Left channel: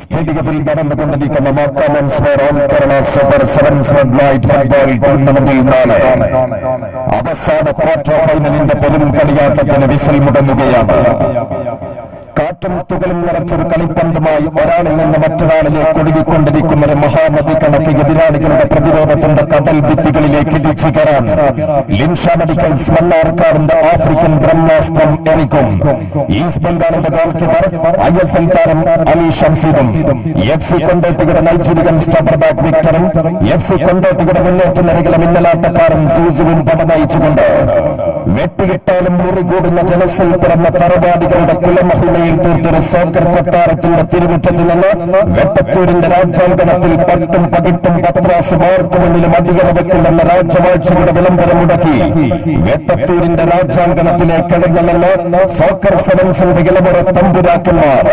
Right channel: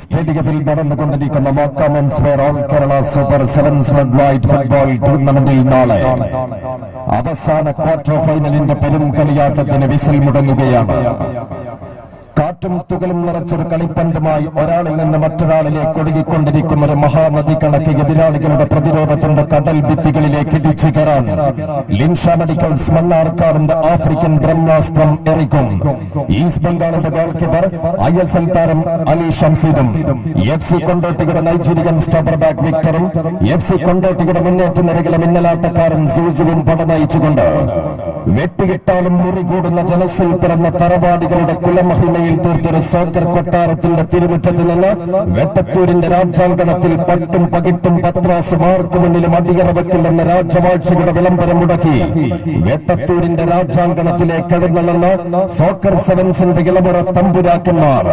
സ്റ്റേഡിയത്തിൽ നടന്നുകൊണ്ടിരിക്കുന്ന Kerala super sevens light football ടൂർണമെന്റിൽ നാളെ അവസാന ക്വാർട്ടർ ഫൈനലിന്റെ പെരും കളിയാട്ടത്തിന് വിസിൽ മുടങ്ങുകയാണ്. കാറ്റും തുകലും നിറച്ചൊരു കളിപ്പന്തുമായി ഒരാളിൽ നിന്ന് മറ്റൊരാളിലേക്ക് ഒഴുകിക്കൊണ്ടിരിക്കുന്ന ഒരു മഹാനദി കണക്ക് എതിരാളികളുടെ പ്രതിരോധത്തിന്റെ കടൽ ഭിത്തികളിലേക്ക് ഇടിച്ചു കയറാൻ ലിൻഷ മെഡിക്കൽസ് മണ്ണാർക്കാടിന്റെ ആഫ്രിക്കൻ ബ്രഹ്മാസ്ത്രം എറിക്കും. ഈസ്റ്റ് ബംഗാളിന്റെ ഗോൾ കീപ്പർ ISL താരം അലി ഷംസീദും FC കൊണ്ടോട്ടിയുടെ നൈജീരിയൻ സ്റ്റോപ്പർ ബാക്ക് വിക്ടറും FC കൊണ്ടോട്ടിയുടെ മുന്നേറ്റനിരകളെ മിന്നലാട്ടക്കാരൻ സൂസുവും പട നയിച്ചുകൊണ്ട് വെട്ടിയിട്ടാലും മുറികൂടുന്ന ജനസിൽ പിറന്ന തറവാടികളുടെ കുലമഹിമയിൽ തീർത്തൊരു സോക്കർ കൊട്ടാരത്തിന്റെ തിരുമുറ്റത്തിൽ നിന്ന് വെട്ടത്തൂരിന്റെ രാജ്യാങ്കണത്തിൽ പട്ടും പകിട്ടും പത്രാസ് മാർക്ക് മുന്നിലും അടിയറവെക്കില്ലെന്ന രാജവാഴ്ചയുടെ വിളംബരം മുടക്കി വെട്ടത്തൂരിന്റെ രാജ്യാങ്കണത്തിലേക്ക് എഴുന്നള്ളുന്ന സോക്കർ സെവൻസിന്റെ ഇളമുറ തമ്പുരാക്കന്മാർ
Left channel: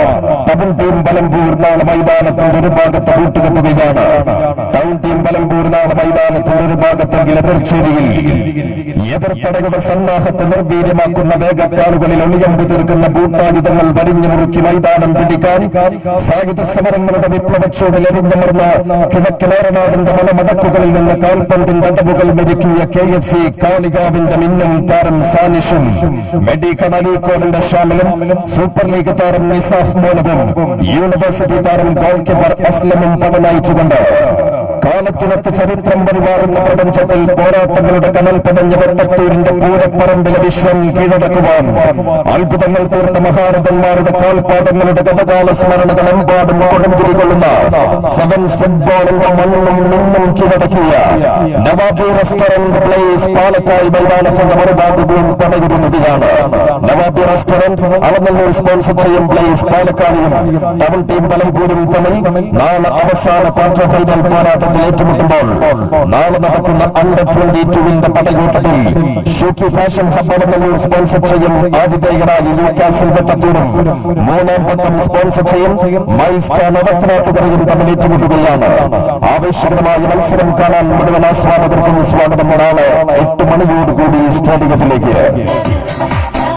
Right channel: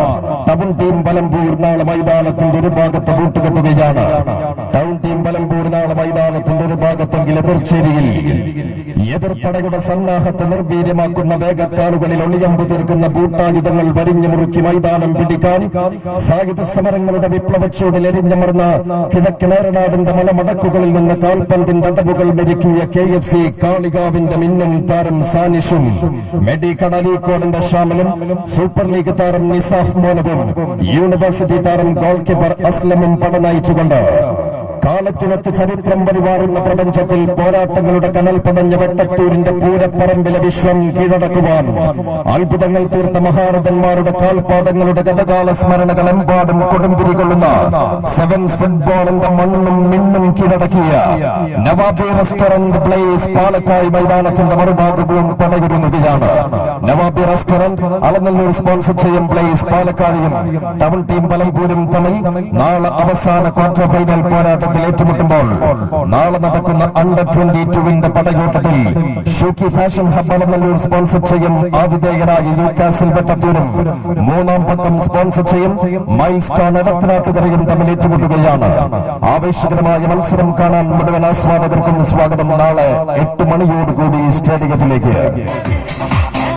ടൗൺ ടീം പലമ്പൂർ നാളെ മൈതാനത്തിന്റെ ഒരു ഭാഗത്ത് കൂട്ടുകെട്ടുകയാണ്. ടൗൺ ടീം പലമ്പൂർ നാളെ മൈതാനത്തിന്റെ ഒരു ഭാഗത്തെങ്കിൽ എതിർച്ചേരിയിൽ എതിർപ്പടയുടെ സന്നാഹത്തെ നിർവീര്യമാക്കുന്ന വേഗക്കാലുകളിൽ ഒളിയമ്പ് തീർക്കുന്ന ബൂട്ടായുധങ്ങൾ വരിഞ്ഞു മുറുക്കി മൈതാനം പിടിക്കാൻ സായുധ സമരങ്ങളുടെ വിപ്ലവച്ചൂടിൽ എരിഞ്ഞമർന്ന കിഴക്കിലേറനാടിന്റെ മലമടക്കുകളിൽ നിന്ന് കാൽപന്തിന്റെ അടവുകൾ മെരുക്കിയ KFC കാളികാവിന്റെ മിന്നും താരം സാനിഷും മെഡിക്കൽ അലീക്കോടിന്റെ ഷാമിലും സൂപ്പർ ലീഗ് താരം നിസാഫ് മോനവും യൂണിവേഴ്സിറ്റി താരം ഗോൾ കീപ്പർ അസ്ലമും പട നയിച്ചുകൊണ്ട് കാലത്തിനൊത്ത് ചരിത്രം പരിവാറുന്ന പ്രപഞ്ചത്തിൽ പോരാട്ടങ്ങളുടെ കനൽ പടഞ്ഞ വെട്ടത്തൂരിന്റെ പൂരപ്പറമ്പിലെ വിശ്വം കീഴടക്കുവാൻ അത്ഭുതങ്ങൾ തീർത്ത മഹാരഥന്മാരുടെ കാൽപാദങ്ങളുടെ ഗതകാല സ്മരണകളെമ്പാടും കൊടുമ്പിരികൊള്ളുന്ന സെവൻസ് ഫുട്ബോളിന്റെ മണ്ണും മിന്നും കീഴടക്കിയ നവാബി റെസ്റ്റോറന്റ് പ്ലേസ് പാലക്കാട് മൈതാനത്തിന്റെ മറുഭാഗവും പണയിരുന്നതാണ്. നവാബി റെസ്റ്റോറന്റ് അളന്നൂർ സ്പോൺസർ ചെയ്യും പ്ലേസ് പാലക്കാടിയും ടൗൺ ടീം പലമ്പൂരും തമ്മിൽ നാളെ അവസാന ക്വാർട്ടർ ഫൈനൽ പോരാട്ടത്തിൽ ഏറ്റുമുട്ടുമ്പോൾ നാളെ നടക്കുന്ന അണ്ടർ 22 പടയോട്ടത്തിൽ ഷൂക്കി ഫാഷൻ ഹബ് അളന്നൂർ സ്പോൺസർ ചെയ്യും ആതിഥേയരായ യൂക്കാസിൽ വെട്ടത്തൂരും മൂന്നാം പക്കം സ്പോൺസർ ചെയ്യും മൈൽസ്റ്റാർ നടത്തനാട്ടുകരയും തമ്മിൽ ഏറ്റുമുട്ടുകയാണ്. ആവേശകരമായ മത്സരം കാണാൻ മുഴുവൻ ആസ്വാദകർക്കും സ്വാഗതം. നാളെ 8 മണിയോടുകൂടി സ്റ്റേഡിയത്തിലേക്ക്.